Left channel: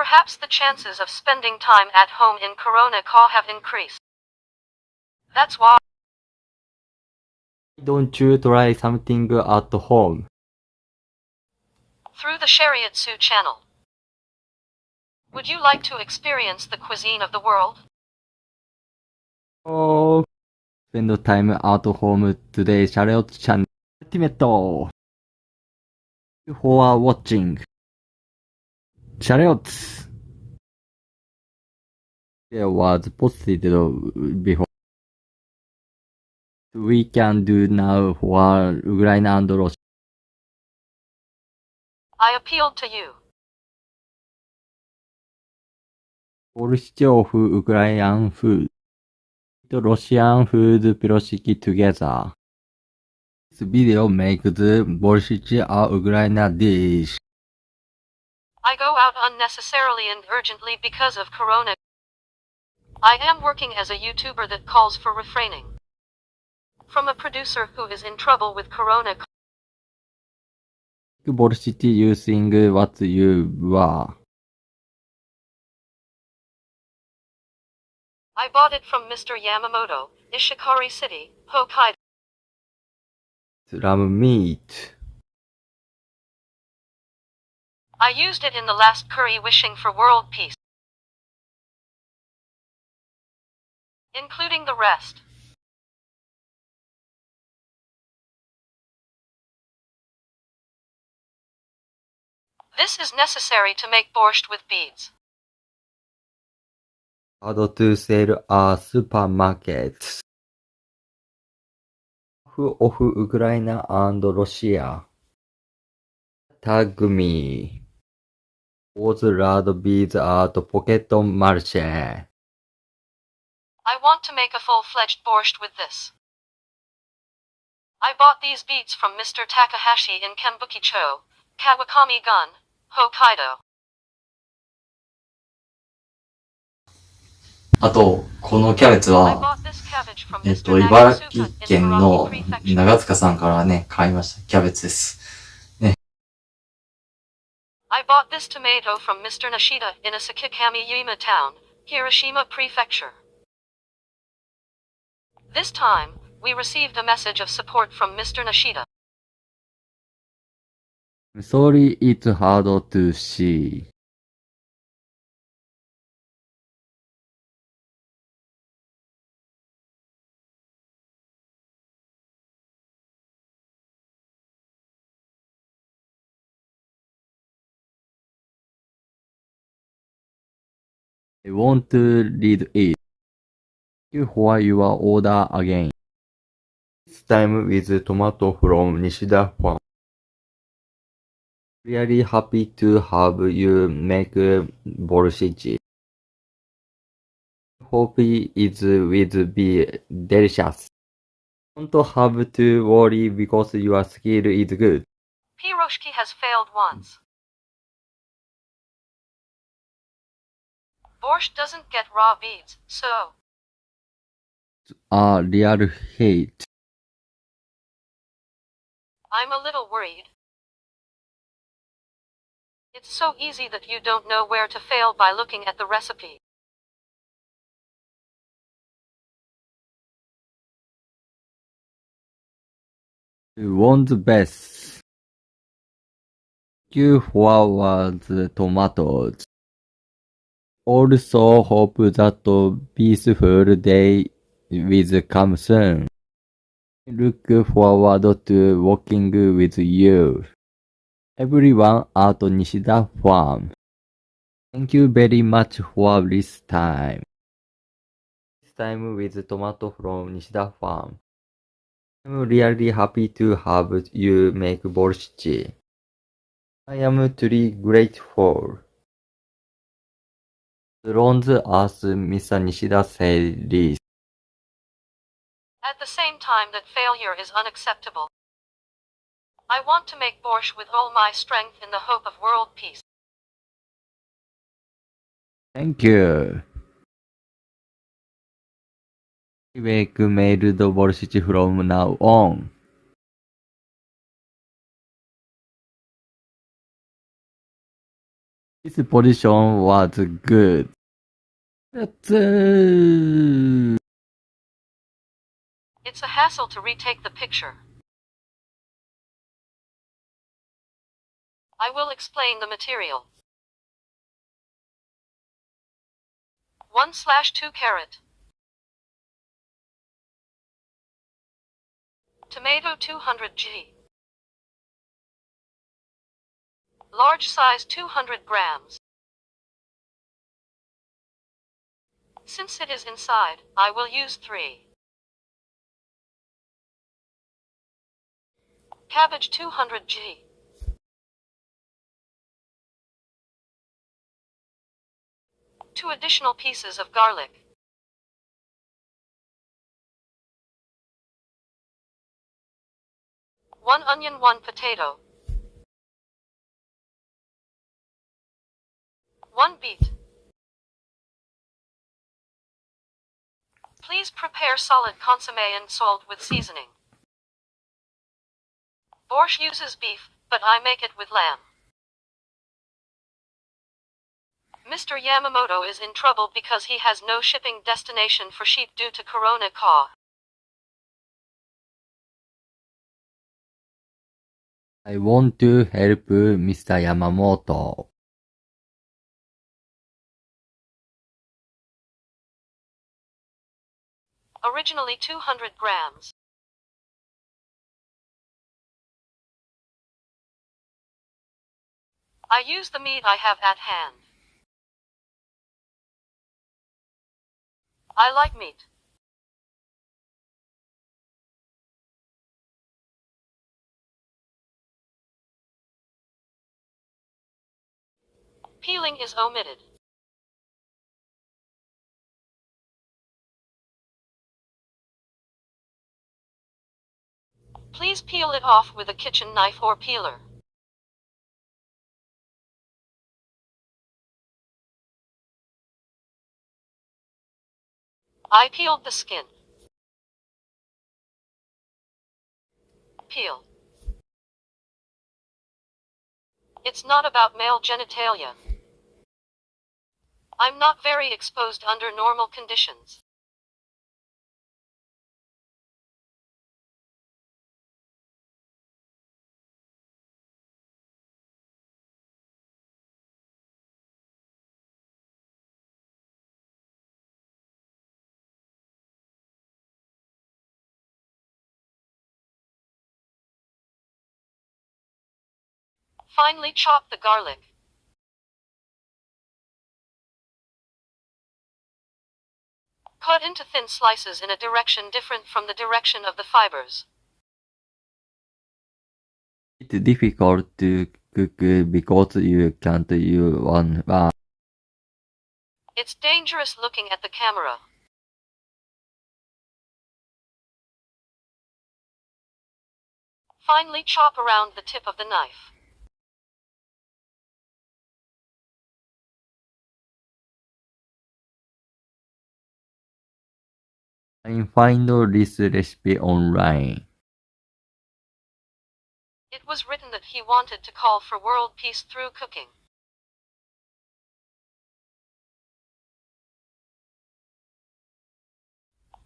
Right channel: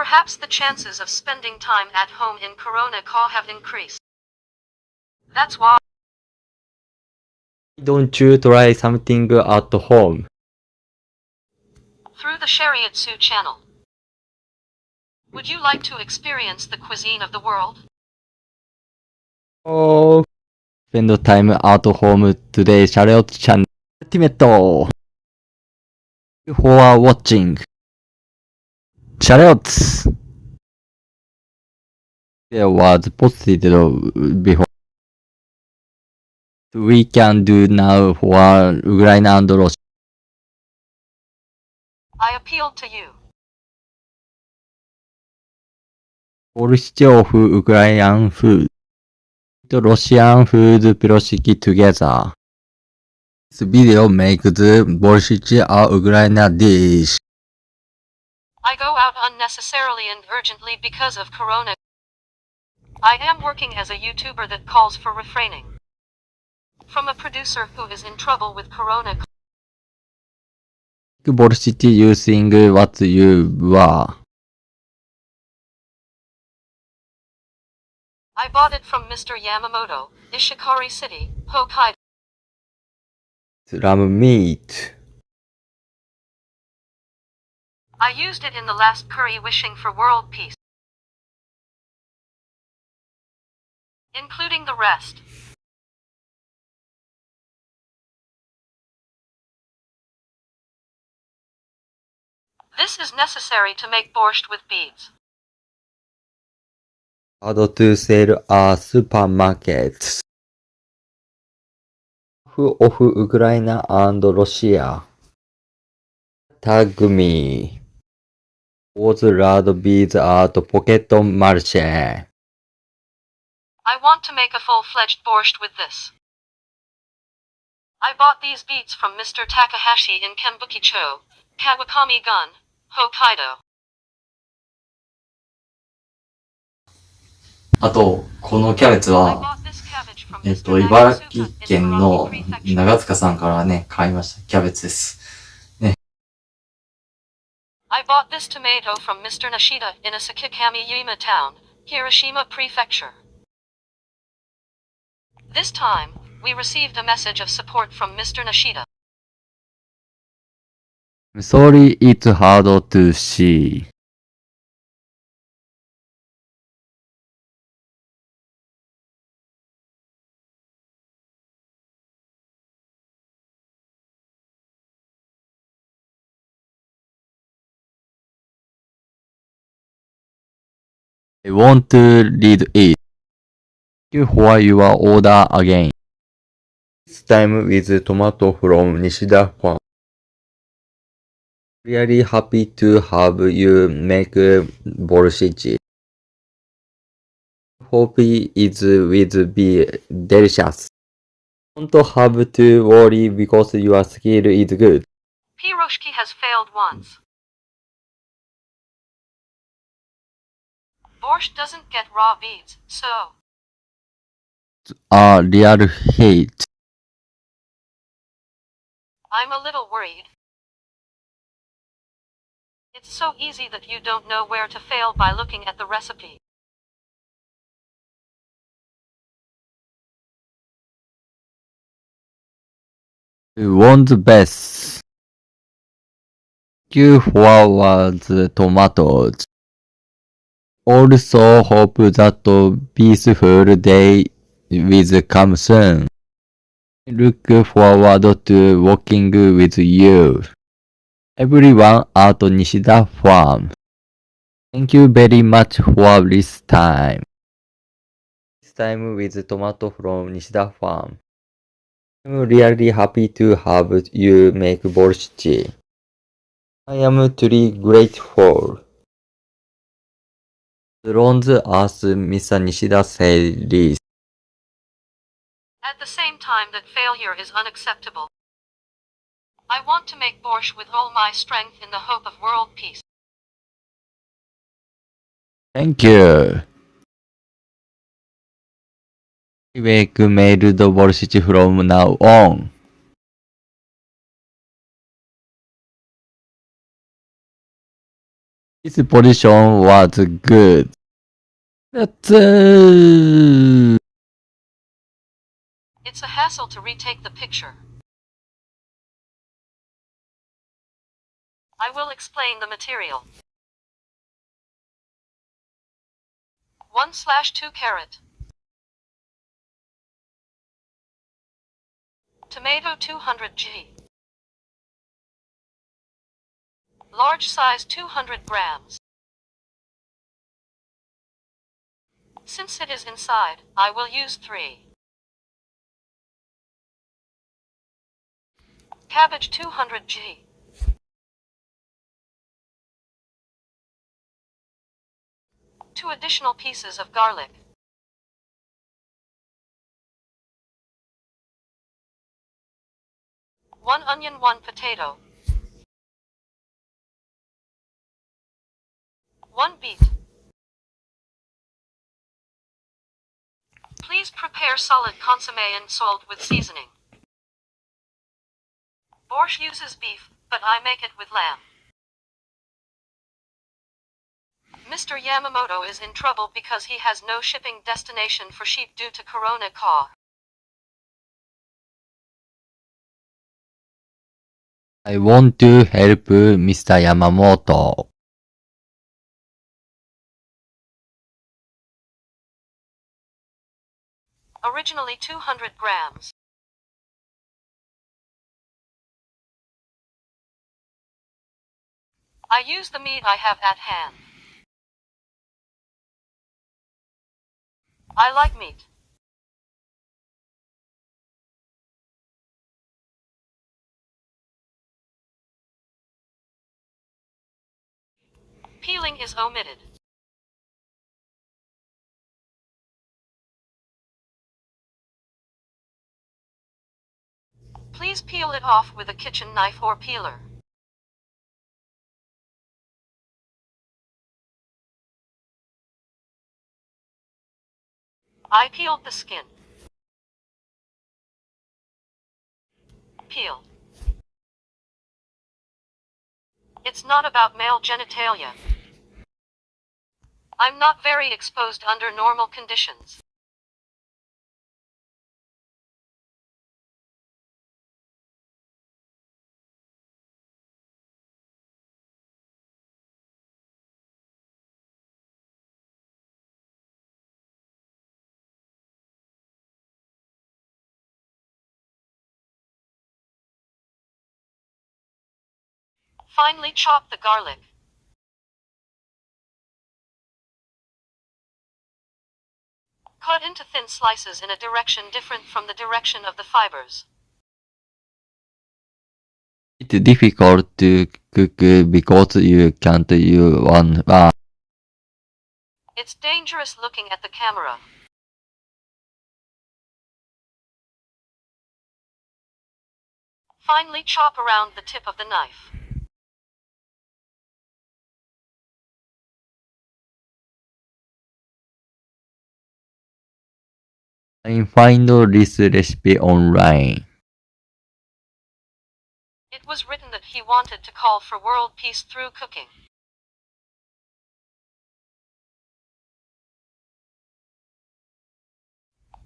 Perhaps the chances of spending time at home in Korona-ka have increased. That's why. Don't you try something at home? Through the Shareotsu channel. Would you like to experience the cuisine of the world? Oh, spend time at home today. Shareotsu channel. Ultimate. Thank you for watching. Shareotsu. There was posted before. We can do now for Ukraine and Russia. I appealed to you. Borscht of Ukrainian food. Russian food Borscht together. This video makes Borscht a Ukrainian dish. I go out unnecessarily and urgently because of Corona. I am working as a YouTuber that calls for refraining. From a producer who is in trouble with Corona. Borscht using what you were. I bought it from Mr. Yamamoto, Ishikari City, Hokkaido. Lamb meat. I used it in the last curry wishing for world peace. Including the rest. This is necessary to make borscht with beets. How to sell at supermarkets. Of Ukraine and Russia. Tag me. Was rad beads at Pocket Marche. I want to make a full-fledged borscht with this. I bought these beets from Mr. Takahashi in Kenbuki-cho, Kawakami-gun, Hokkaido. あと、このキャベツは、茨城県の長塚さんからね、買いました。キャベツです。ね。I bought this tomato from Mr. Nishida in Asakikami-yima town, Hiroshima Prefecture. This time, we received a message of support from Mr. Nishida. I'm sorry it's hard to see. I want to read it. Thank you for your order again. This time with tomato from Nishida farm. Really happy to have you make borscht. Hope it will be delicious. Don't have to worry because your skill is good. Piroshki has failed once. Borscht doesn't get raw beets, so. A real hate. I'm a little worried. It's so easy that you don't know where to fail by looking at the recipe. You want the best. Thank you for the tomatoes. Also hope that peaceful day will come soon. I look forward to working with you. Everyone at Nishida Farm. Thank you very much for this time. This time with tomato from Nishida Farm. I'm really happy to have you make borscht. I am truly grateful. Drones as Mr. Nishida said this. At the same time that failure is unacceptable. I want to make borscht with all my strength in the hope of world peace. Thank you. I make mailed borscht from now on. His position was good. That's It's a hassle to retake the picture. I will explain the material. 1/2 carrot. Tomato 200g. Large size 200 grams. Since it is inside, I will use 3. Cabbage 200g. 2 additional pieces of garlic. 1 onion, 1 potato. 1 beet. Please prepare solid consommé and salt with seasoning. Borscht uses beef, but I make it with lamb. Mr. Yamamoto is in trouble because he has no shipping destination for sheep due to Korona-ka. I want to help Mr. Yamamoto. Originally 200 grams. I use the meat I have at hand. I like meat. Peeling is omitted. Please peel it off with a kitchen knife or peeler. I peeled the skin. Peel. It's not about male genitalia. I'm not very exposed under normal conditions. Finely chop the garlic. Cut into thin slices in a direction different from the direction of the fibers. It's difficult to cook because you can't use one. It's dangerous looking at the camera. Finely chop around the tip of the knife. I find this recipe online. It was written that he wanted to call for world peace through cooking.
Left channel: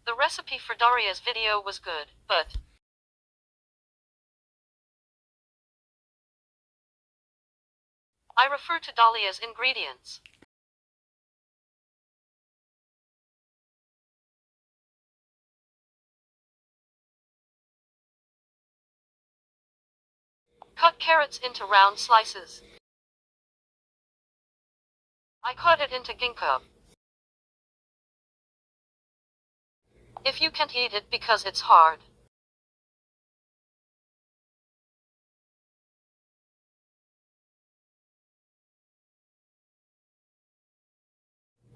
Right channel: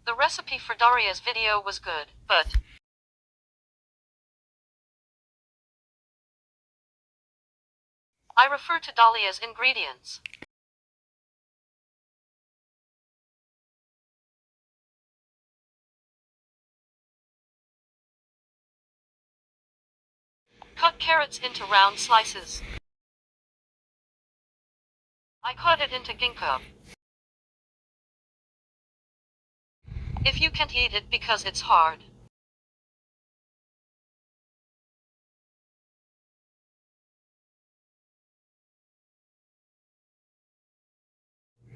The recipe for Daria's video was good, but I refer to Dalia's ingredients. Cut carrots into round slices. I cut it into ginkgo. If you can't eat it because it's hard,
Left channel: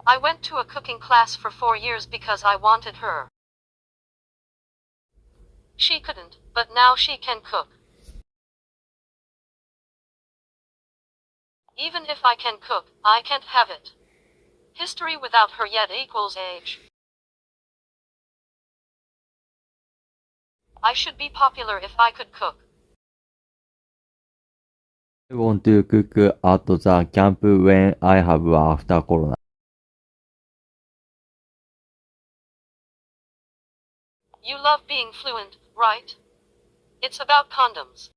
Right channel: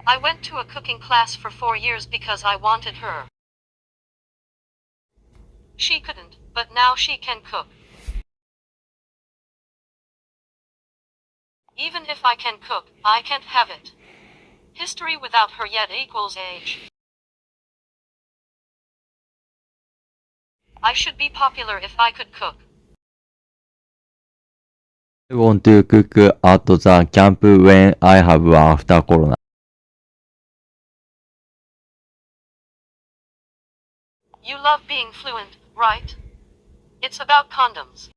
I went to a cooking class for 4 years because I wanted her. She couldn't, but now she can cook. Even if I can cook, I can't have it. History without her yet equals age. I should be popular if I could cook. I want to cook at the camp when I have after Corona. You love being fluent, right? It's about condoms.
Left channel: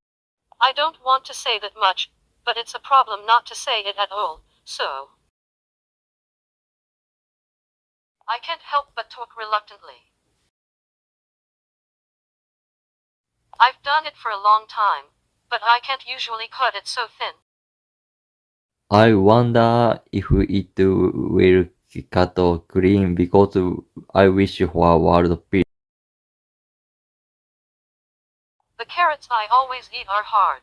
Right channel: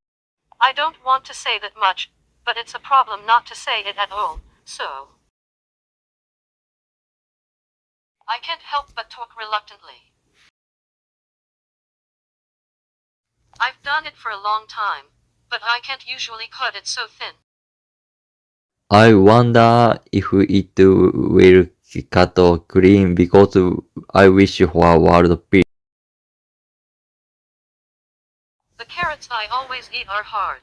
I don't want to say that much, but it's a problem not to say it at all, so. I can't help but talk reluctantly. I've done it for a long time, but I can't usually cut it so thin. I wonder if it will cut clean because I wish for world peace. The carrots I always eat are hard.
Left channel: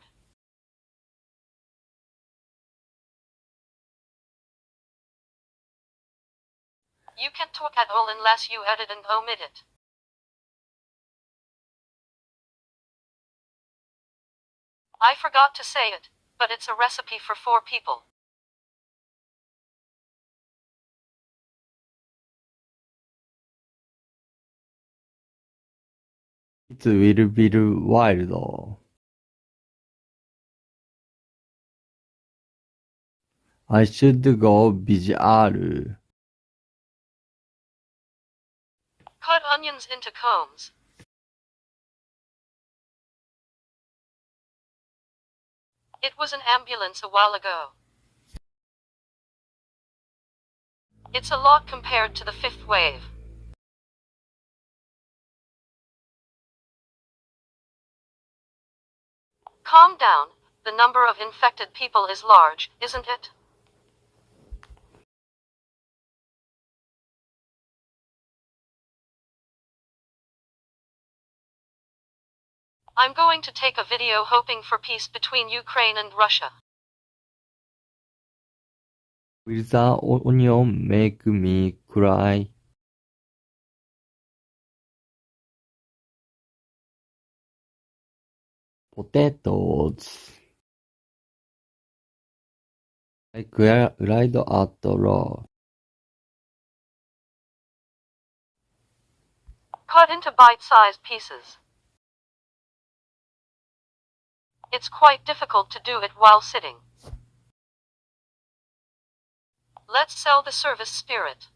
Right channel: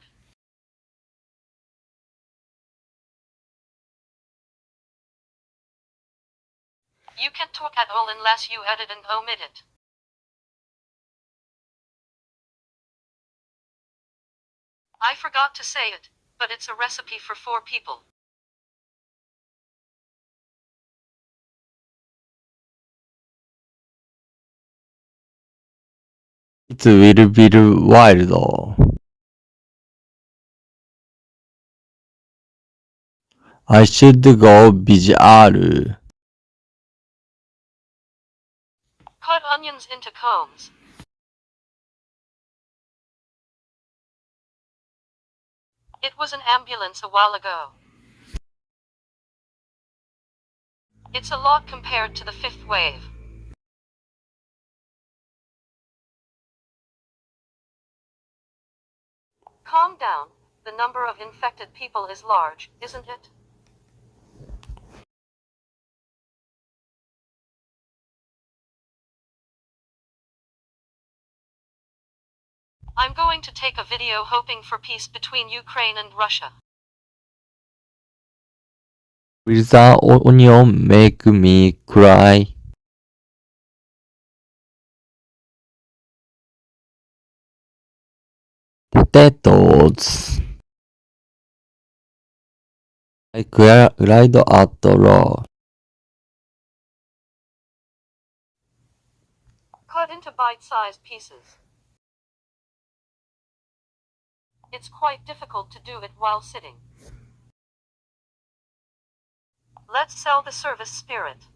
You can't talk at all unless you edit and omit it. I forgot to say it, but it's a recipe for 4 people. It will be wild. I should go visual. Cut onions into cones. It was an ambulance a while ago. It's a lot compared to the 5th wave. Calm down, the number of infected people is large, isn't it? I'm going to take a video hoping for peace between Ukraine and Russia. Will the onion make me cry? Potatoes. I cried at raw. Cut into bite-sized pieces. It's quite difficult to do it while sitting. Let's sell the service spirit.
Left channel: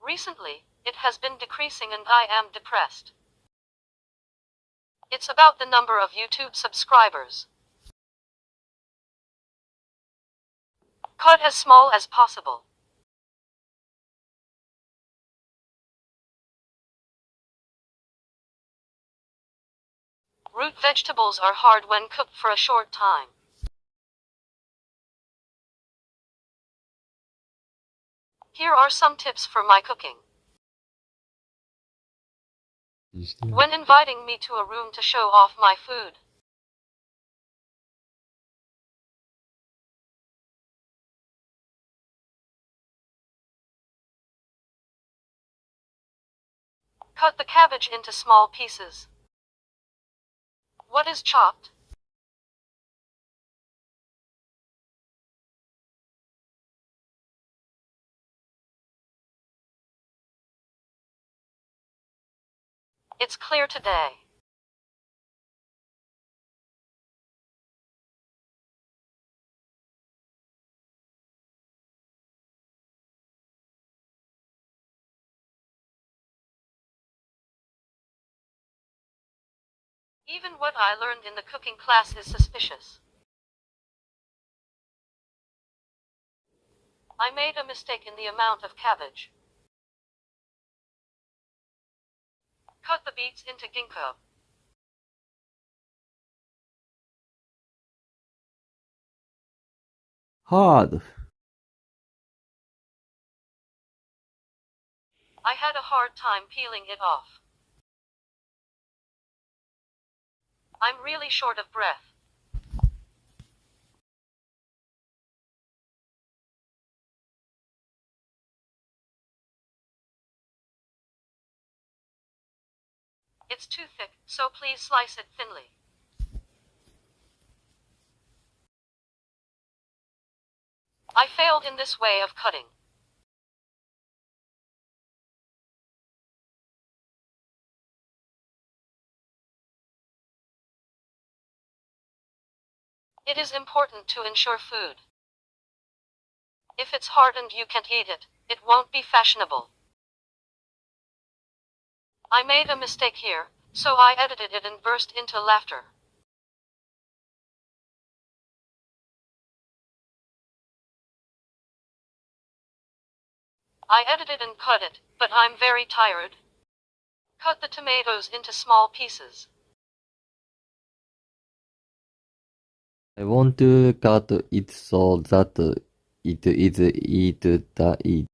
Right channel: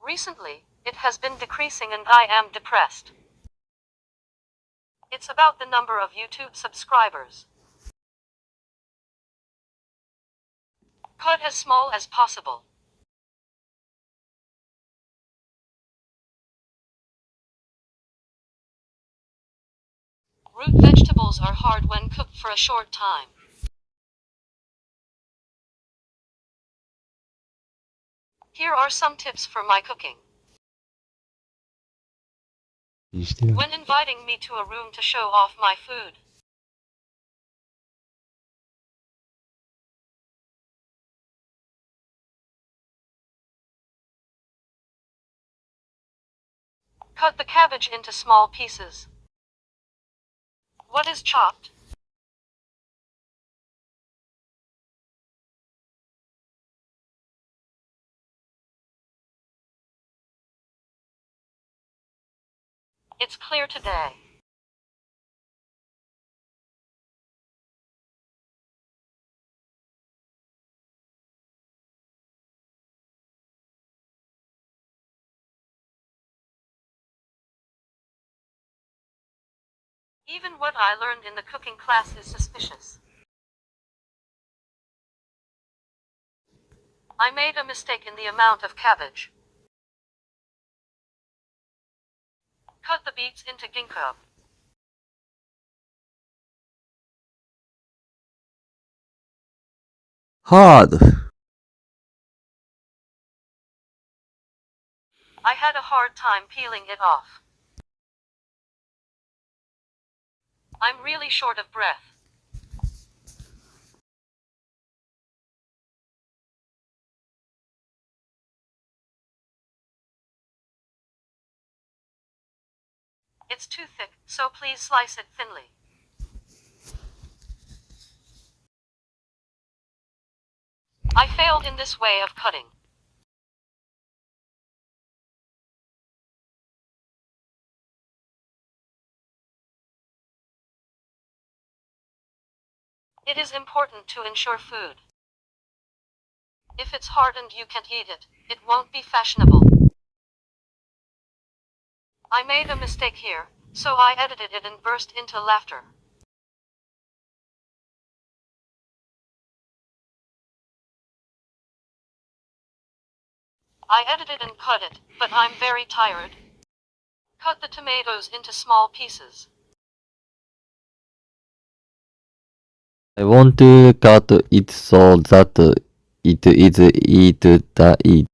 Recently, it has been decreasing and I am depressed. It's about the number of YouTube subscribers. Cut as small as possible. Root vegetables are hard when cooked for a short time. Here are some tips for my cooking. When inviting me to a room to show off my food, cut the cabbage into small pieces. What is chopped? It's clear today. Even what I learned in the cooking class is suspicious. I made a mistake in the amount of cabbage. Cut the beets into ginkgo. Hard. I had a hard time peeling it off. I'm really short of breath. It's too thick, so please slice it thinly. I failed in this way of cutting. It is important to ensure food. If it's hard and you can't eat it, it won't be fashionable. I made a mistake here, so I edited it and burst into laughter. I edited and cut it, but I'm very tired. Cut the tomatoes into small pieces. I want to cut it so that it is eat.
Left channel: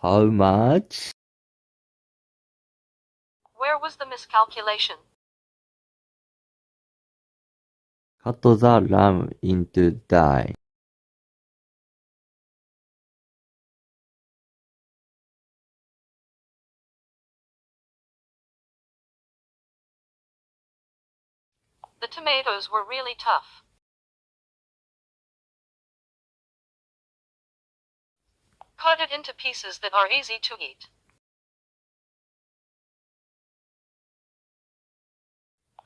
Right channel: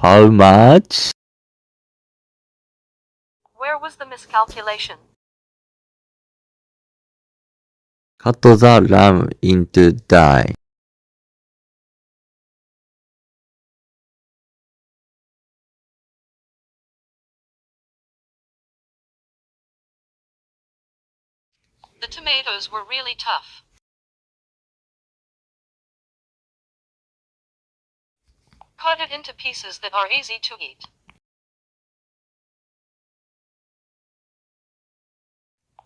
How much? Where was the miscalculation? Cut the lamb into die. The tomatoes were really tough. Cut it into pieces that are easy to eat.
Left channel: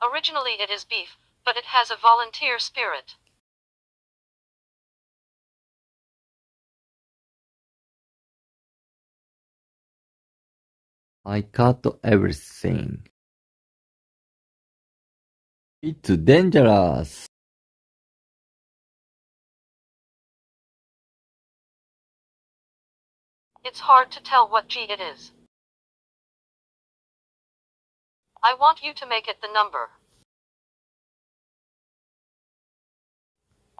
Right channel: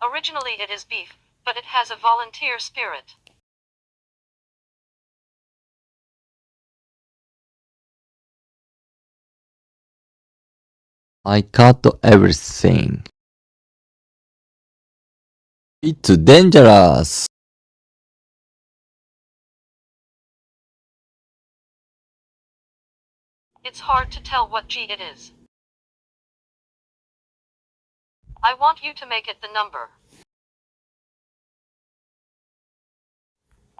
Originally it is beef, but it has a volunteer spirit. I cut everything. It's dangerous. It's hard to tell what G it is. I want you to make it the number.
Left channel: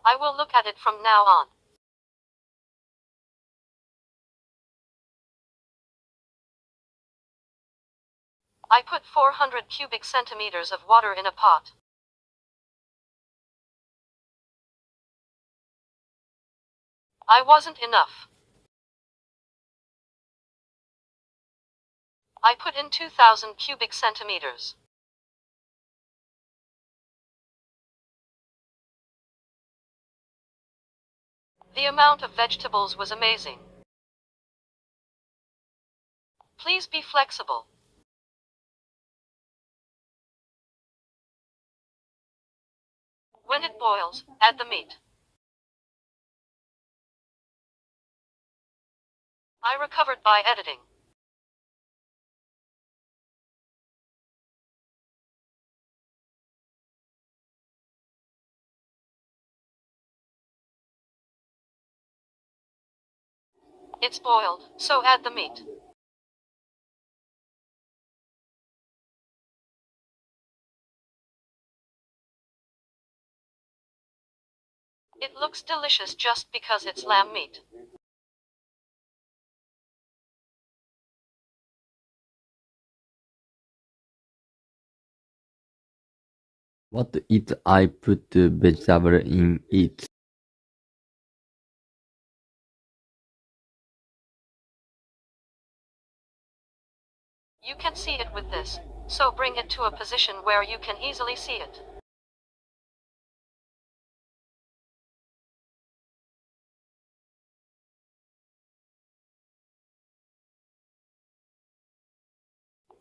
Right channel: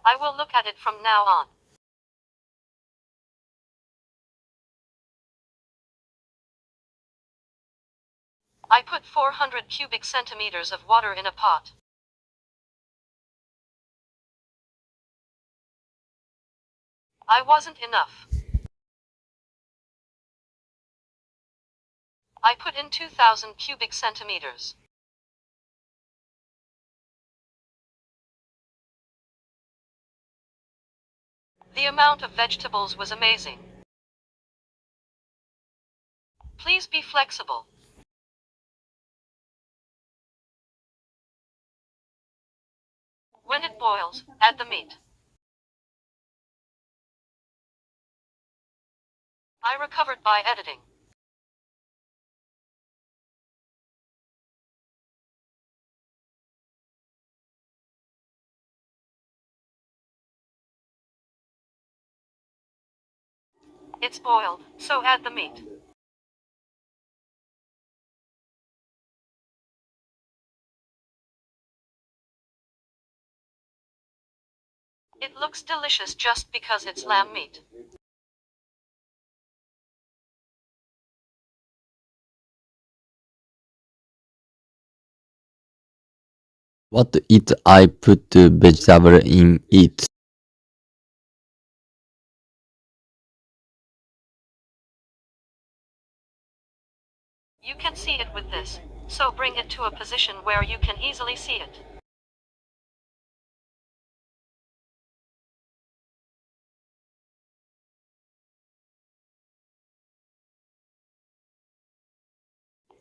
I will look at it from now on. I put 400 cubic centimeters of water in a pot. I wasn't enough. I put in 2,000 cubic centimeters. The amount of vegetables was amazing. Please be flexible. When it boils, add the meat. I recovered by editing. It's boiled, so add the meat. It looks delicious just because it's lamb meat. What if I put vegetable in it? You can see it with this, so bring it to a position where you can easily see it.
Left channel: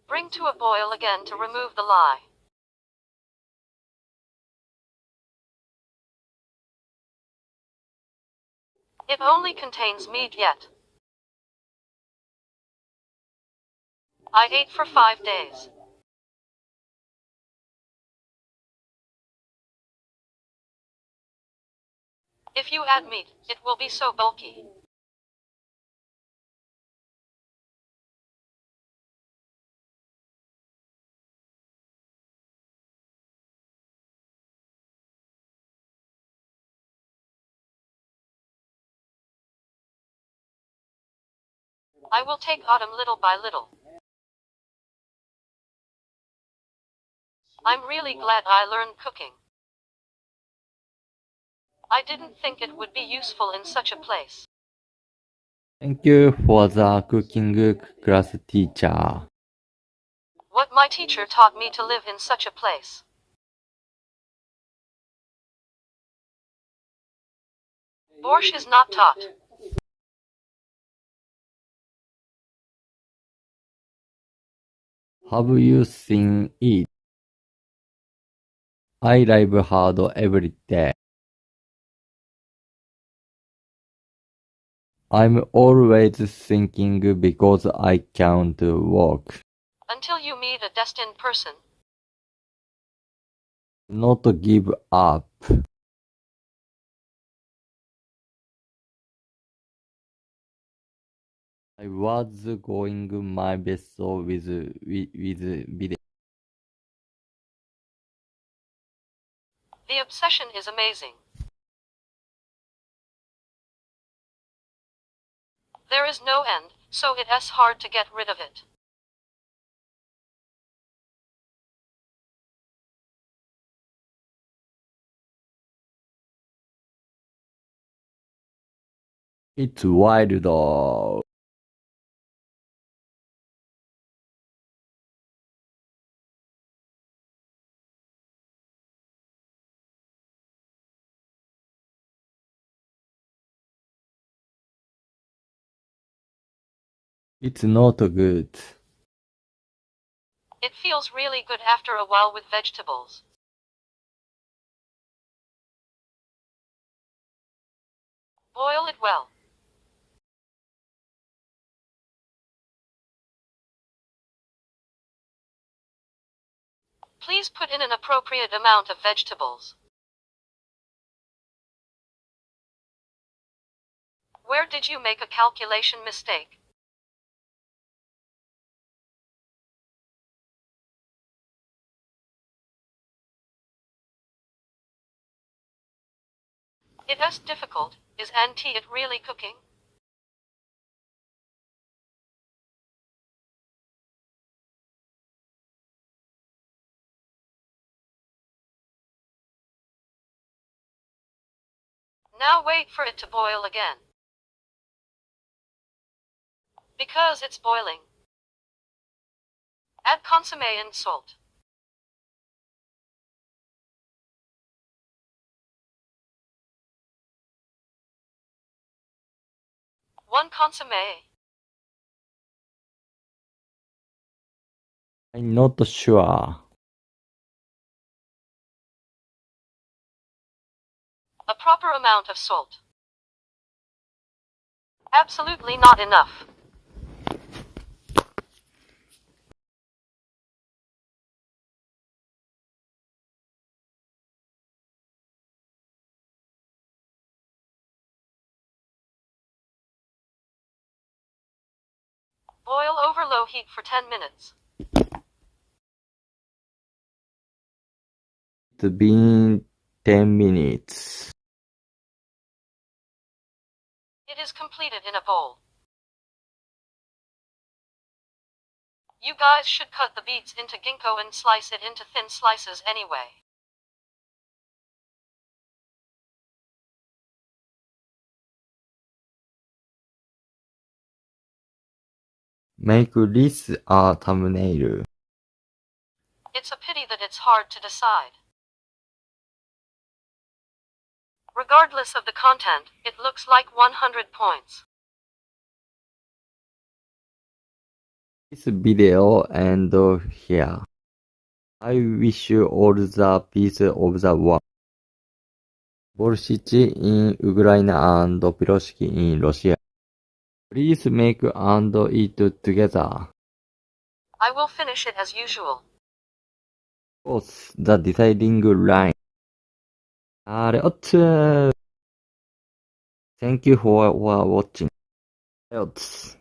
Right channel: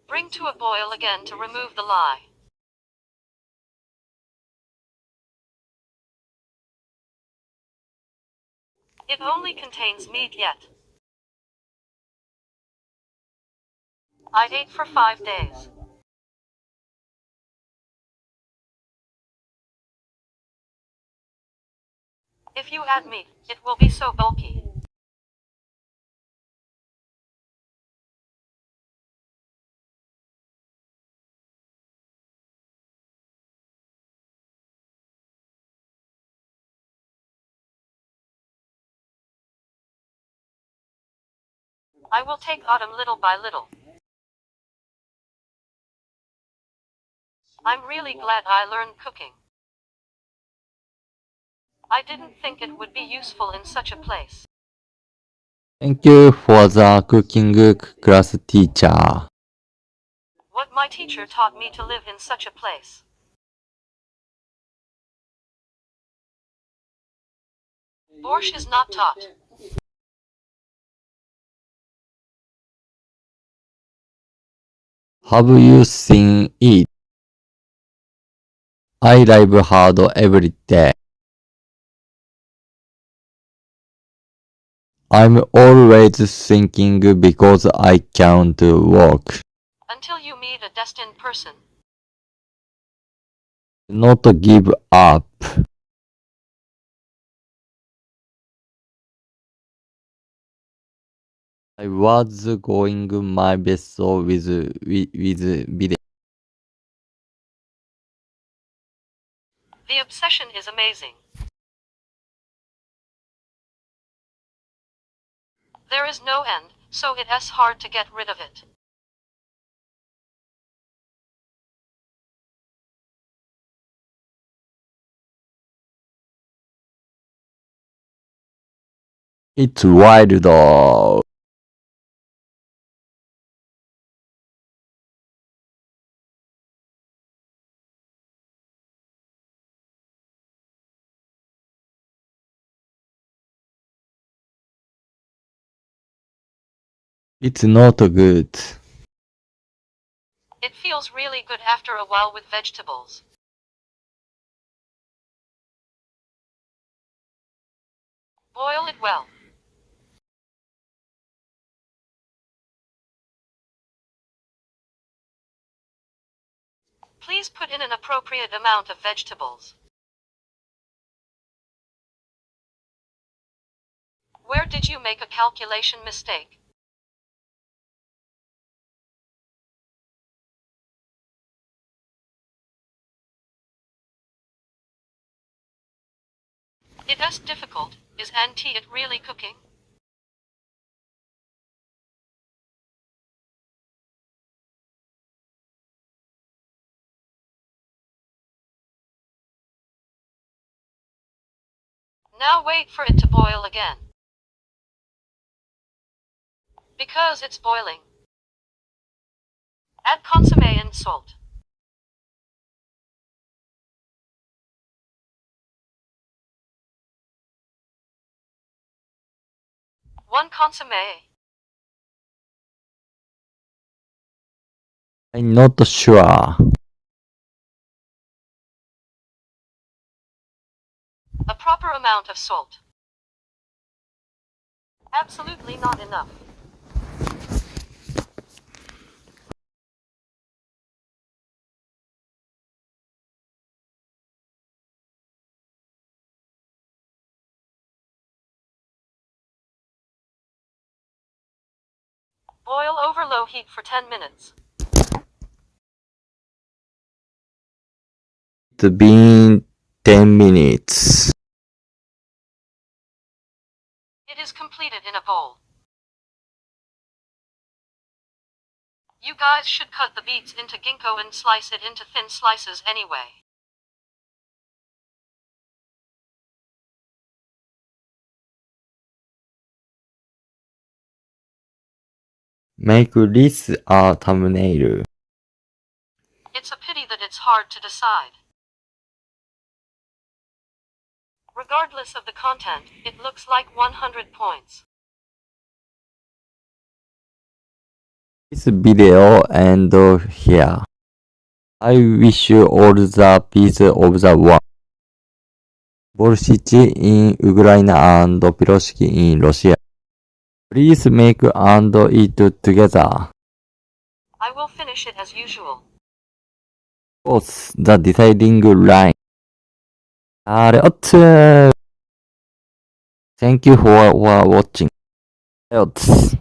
Bring to a boil again to remove the lye. It only contains meat yet. I ate for 5 days. If you add meat, it will be so bulky. I will take autumn little by little. I'm really glad I learned cooking. I didn't think it would be useful in such a place. Thank you for the cooking class teacher. What my teacher taught me to live in such a place. Borsch is not taught. Have you seen it? I live hard every day. I'm always thinking because I can't walk. Until you meet a destined person. Not give up. I was going my best with video. The obsession is amazing. There is no end, so it's hard to get rid of it. It's wild though. It's not good. It feels really good after a while with vegetables. Boil it well. Please put in an appropriate amount of vegetables. Where did you make a calculation mistake? It is difficult. Is Auntie it really cooking? Now wait for it to boil again. Because it's boiling. Add consomme and salt. One consomme. I'm not sure. A proper amount of salt. Absolutely not enough. Boil over low heat for 10 minutes. It's been 10 minutes. It is completed in a bowl. You guys should cut the beets into ginkgo and slice it into thin slices anyway. Make this a thumbnail. It's a pity that it's hard to decide. Regardless of the content, it looks like 100 points. This video and here. I wish you all the peace of the world. Volcity in Ukraine and Piroshki in Russia. Please make and eat together. I will finish it as usual. What's the deciding line? Shareotsu. Thank you for watching. Shareotsu.